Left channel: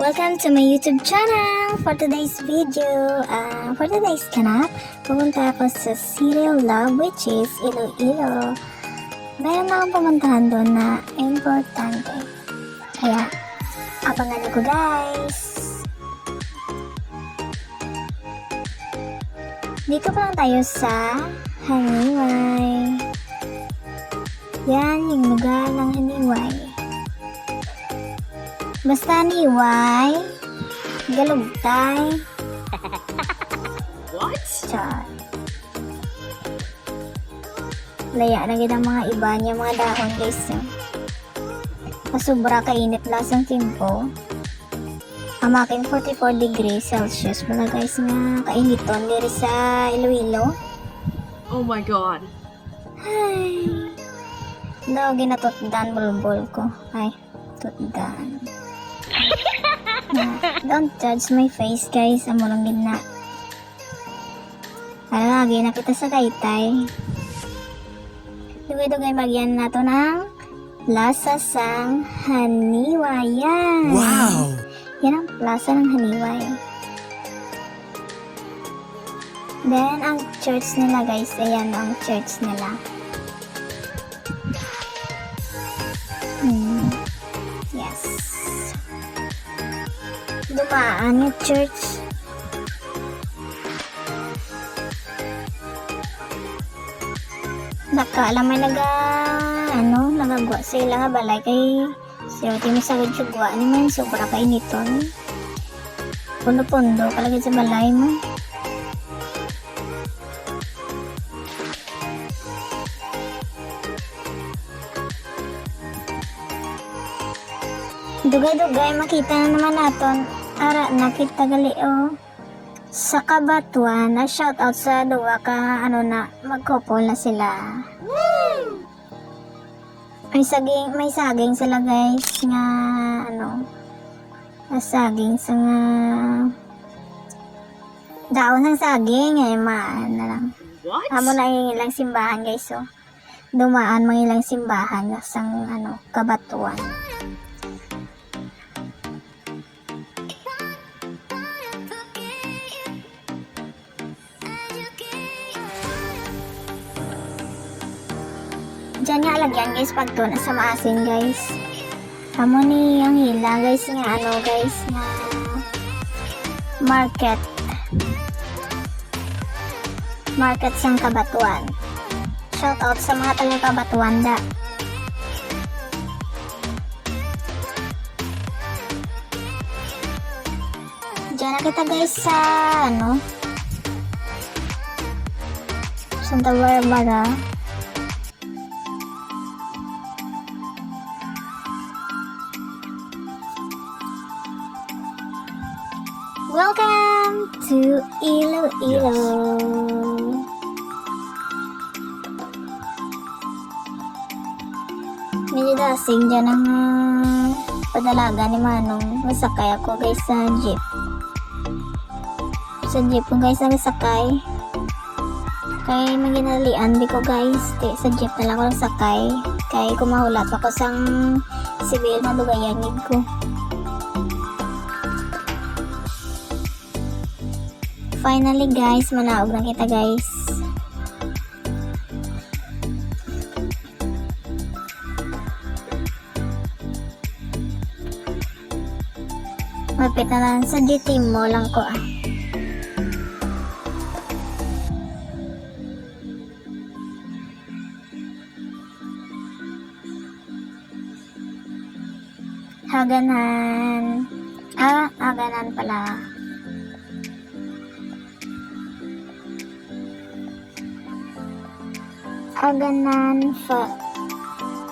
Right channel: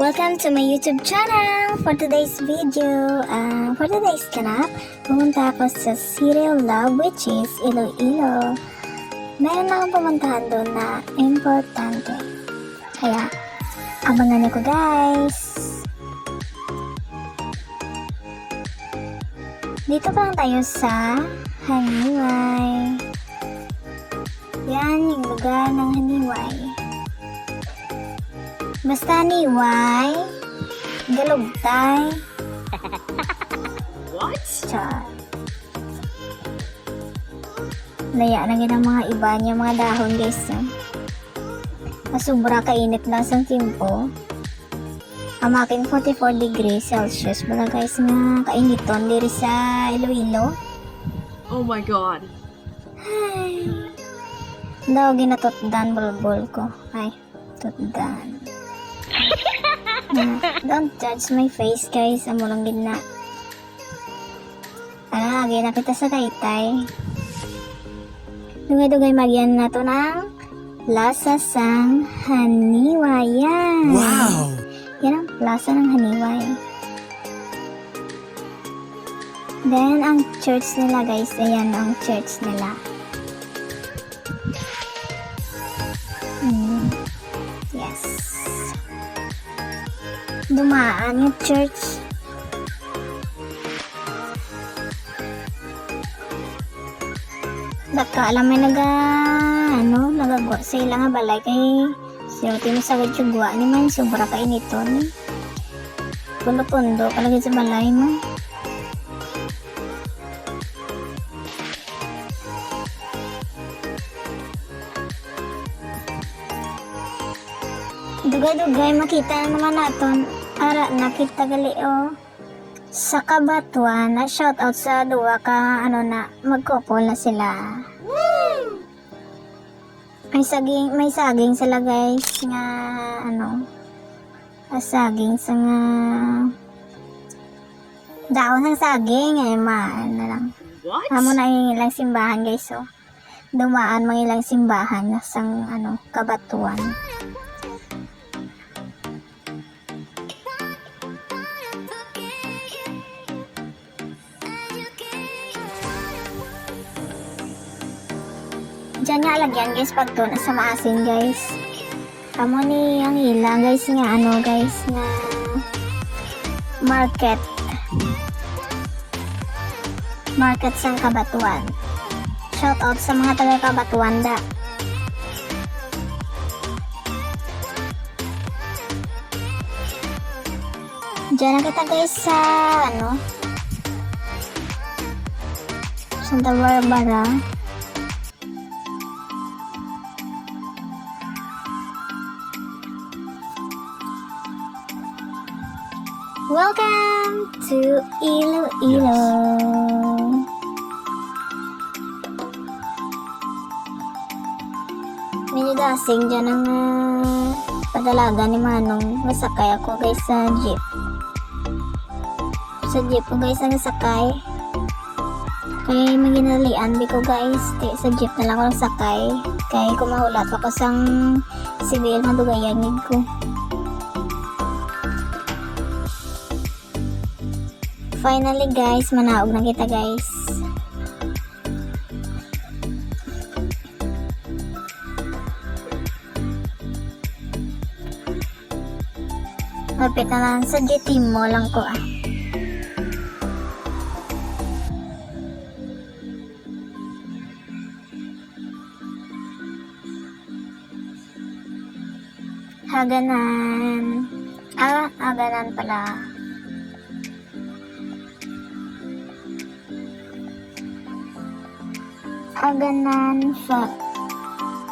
Welcome to my YouTube channel. For today's video, for today's kanap, pumunta ako sa City of Love, which is Iloilo. Meron akong pumuntahan doon na importante. Kaya, abangan niyo ko guys. Dito pa lang tayo sa Haniway. Yan yung lugar ng Haniway. Basta Haniway, galugtay. What? Char. Laya na kita mga iba niya mga dahon guys. Sobra kainit lang sa timpo. Ang aking 44 degrees Celsius mula guys mga kainiton diri sa Iloilo. Oh my god. Ay. Daw ginatutdan bulbul ko. Ay, tutdan. Don't judge my face guys. Amo lang gina. Lagi na kita sa kaytay. Dugay-dugay magyan na to ng Plaza sang Haniwayan. Wow! Yan ang plaza ng Haniway. Then, ang church nila guys, ayan ang church nila. Yes. Dumaan yung church. Baka alam may nagagwa sila nga balay kay siya tinisawad siya gwa naman sobra kay nito. Pundo-pundo kalagay sa balay mo. Dugay-dugay makita na naman naton ara nakita gali sa Kabatuan na shoutout sa duwa ka magkopol na sila. Woo! May saging sila guys nga saging sa nga daon ng saging ay na lang. What? Amo na yung ilang simbahan guys dumaan mga ilang simbahan na sang Kabatuan. Diyan nga lagyan guys pag to nasa maasin guys. Kamo ni ang hila guys nga guys nga market sang Kabatuan. Shout out sa mga taga Kabatuan da. Diyan na kita guys sa Santa Barbara. Welcome to Iloilo. Medyo dasing dyan ang padalaga ni Manong. Nasakay ako guys sa jeep. Sa jeep ko guys ang nasakay. Kaya maginalian di ko guys. Sa jeep na lang ako nasakay. Kaya kumahulap ako sang sibil na dugayangid ko. Finally guys, manaog na kita guys. Mapit na lang sa GT mo lang ko Haganan. Haganan pala. Haganan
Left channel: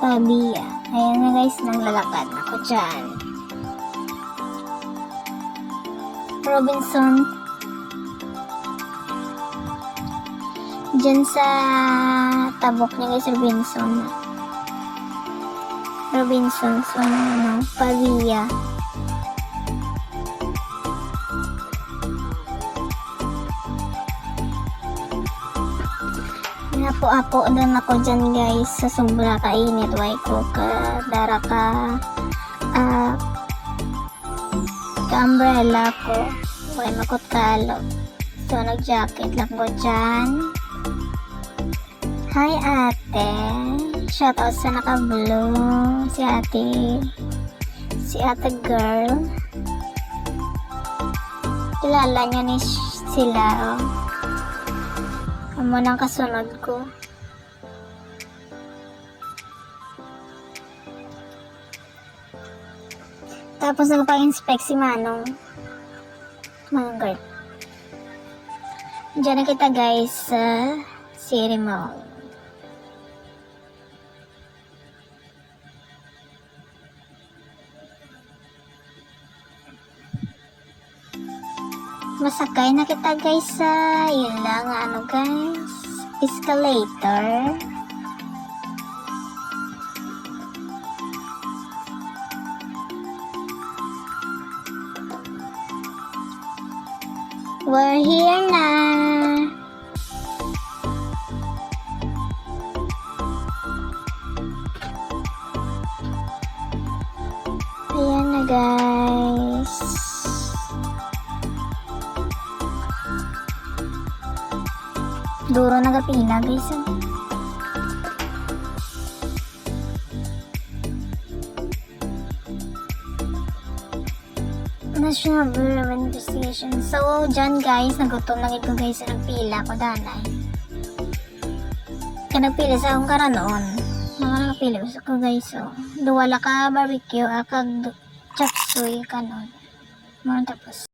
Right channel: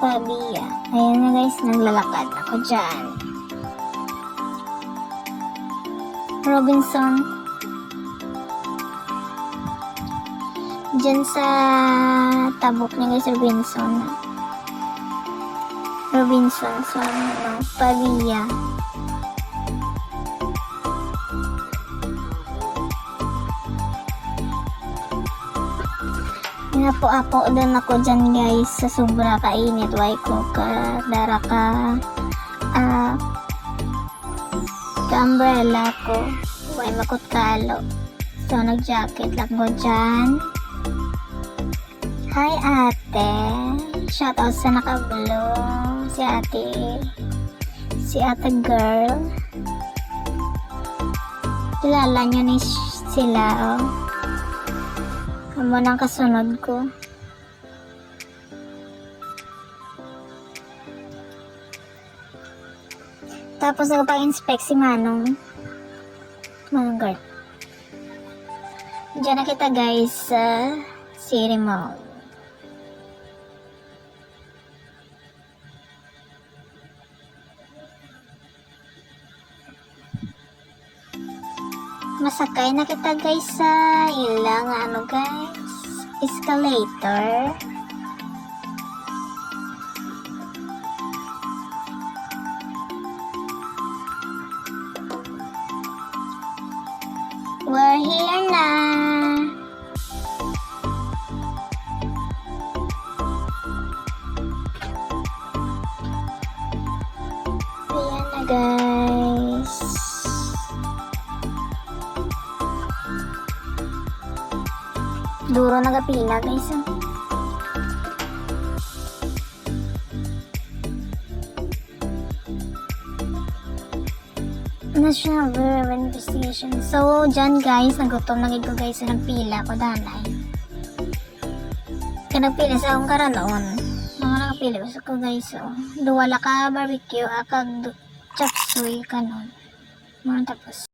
Fabia. Ayan na guys, naglalakad ako dyan. Robinson. Dyan sa tabok niya guys, Robinson. So, Fabia. Ako din ako dyan guys sa sobra kainit. Why ko ka dara ka umbrella ko. Huwag makot kalo. So, nag-jacket lang ko dyan. Hi, ate. Shoutout sa naka-blue. Si ate girl. Kilala niya ni sila, oh. Amo nang kasunod ko. Tapos nagpa-inspect si Manong. Manong girl. Diyan na kita guys sa City Mall. Masakay na kita guys sa ilang guys, escalator. We're here na. Ayan na guys. Duro na kapila guys. National Bureau of Investigation. So, dyan guys, nagutom na ko guys sa nagpila ko danay. Kanagpila sa akong karanoon. Mga nagpila ko guys, so. Duwala ka barbecue, akag chapsuy, kanon. Mga tapos.